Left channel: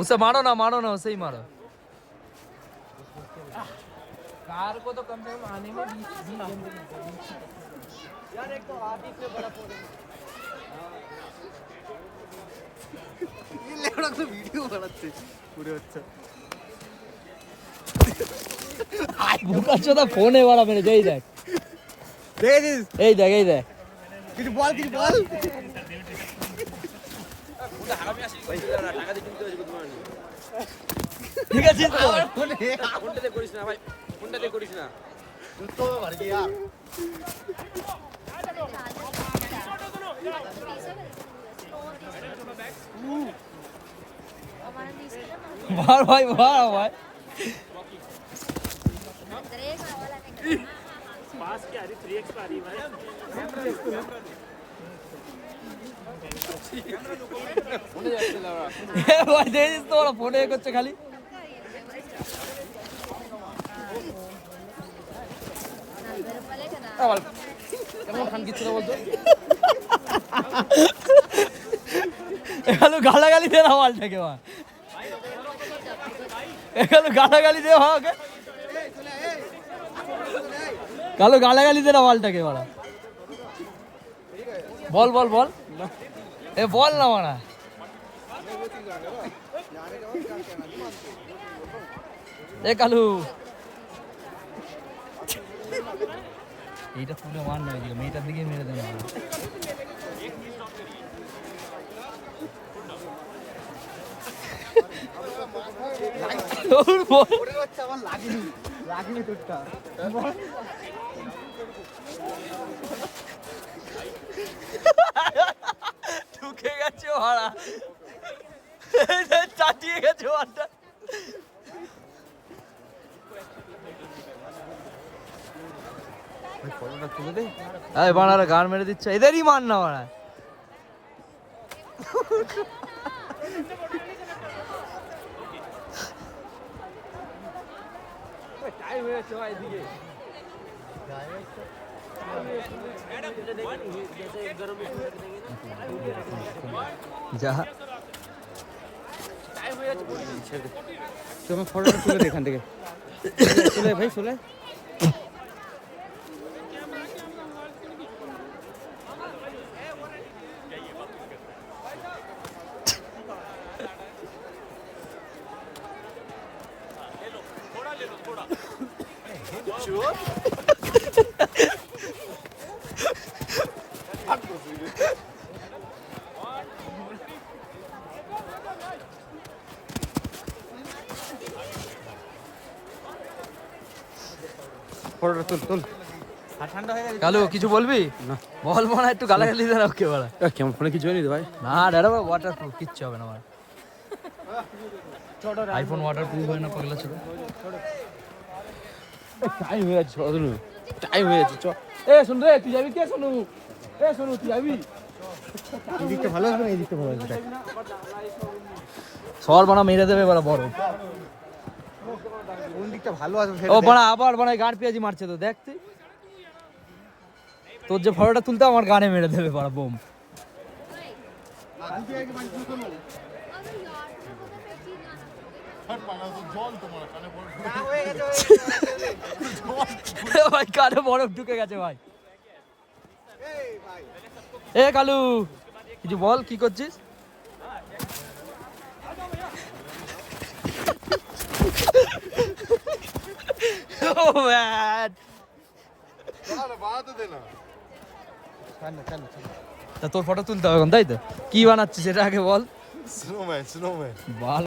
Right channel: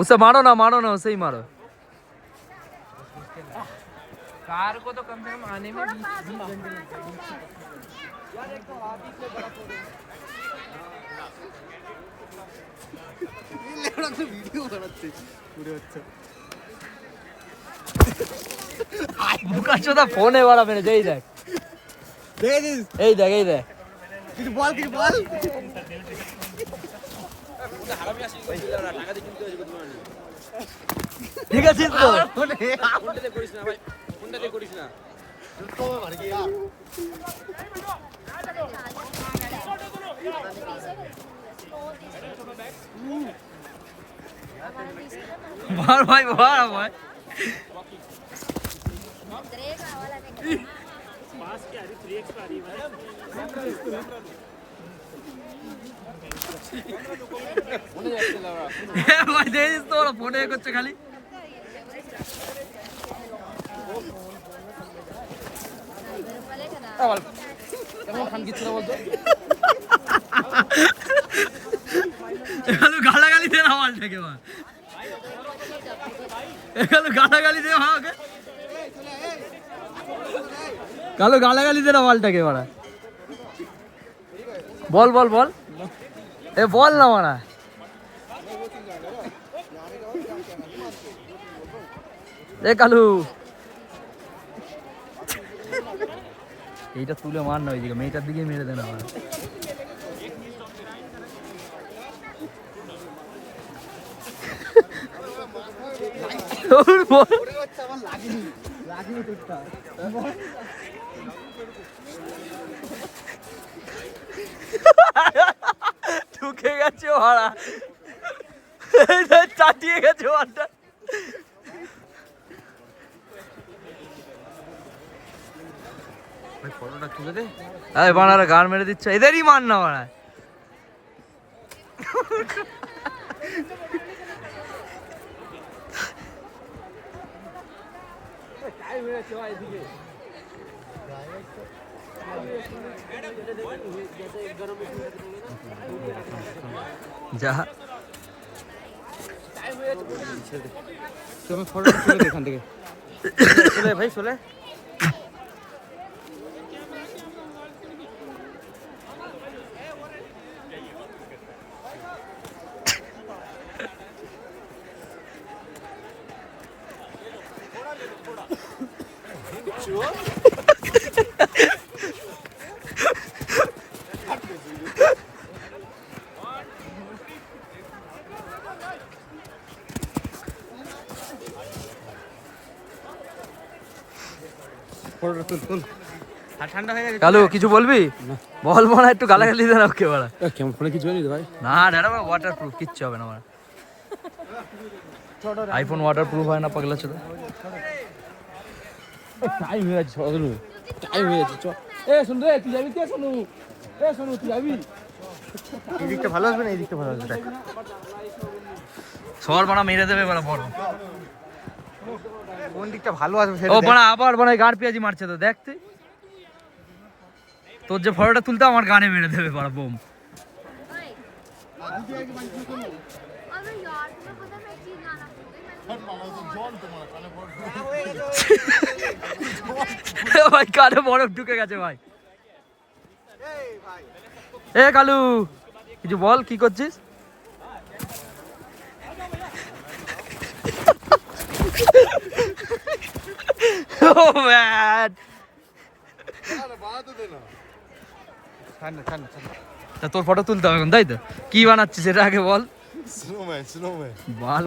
उसे मारो ना उसे ही मारो। कार को तो कम से कम आने में 20 घंटे लगते हैं यार। एक तो आदि से बड़ा फोन ये लेवड़ा तो वीडियो बनाते पूरे। अच्छा बुका चोदा फोन है वाला मेरे जय देख दे दे কিছু বল হারামি আসি টাকা দিয়ে কিনতে হয়েছে তোমার। ঠিক আছে তো ফোনটাতে করিস না ভাই, ফোনটাতে করিস না তো ভর গয়া। मार भाई मार पास क्या रही 3x आ रही भाई। ভাই দেখিস তো ওরা ফোনে করছে খালি। কেমন খান কিছু না বলতো এখানে গালাগালি দে না মালটাকে মা, এখানে গালাগালি দে ওকে, কালো গালাগালি দে না মালটাকে মারা। বল বল বল এ বল না মারা। এ কালু এইটা তুলে মার না, ওইদিকে মেয়েটার দিকে মেরে দেন আমার। ঢুকে গেছে ভাড়া, চাটিয়ে গেছে ভাড়া। বানারা গান মেরে দিচ্ছে, এদেরই মান না বানা। যা তুমি ফটো তুলে এখান থেকে ভাই চলে। কালু কিছু বলবি বল, মনে একটু গালাগালি দেন ওকে বলা। কেমন ফোনে কিছু হয়নি ভাই? না দাদা ওয়াটার প্রুফ কিচ্ছু হবে না আমার আইফোন, ওয়াটার প্রুফ হয় না পাগলা ছিল। টাইম হয়ে যাচ্ছে, টাইম হয়ে যাচ্ছে। চ এ শুন রে, তুই যাবি কে? শোনু এ শোনু তুই যাবি? এই দিকটা ভালো আসবে না, এই দিকটা ভালো আসবে। সর বানা মেরে দেবে বড় বড়, কোন দিকটা ভালো আসবে? ও বানা আবার বানা গাড় পেঁয়াজি মারছে তো দেখ তুই। তোর যে ফটোটা তুলতে আমার গানে মেরে দেবে বড় বোম। ভাই কানে বরফ ঢুকে গেছে ভাই। এ কালু কিছু বল, কি করছিস? তোর ফটো তুলতে হবে এখন, তাই তো? কি বানাচ্ছিস সেটা আগে বল। স্নোম্যান বল।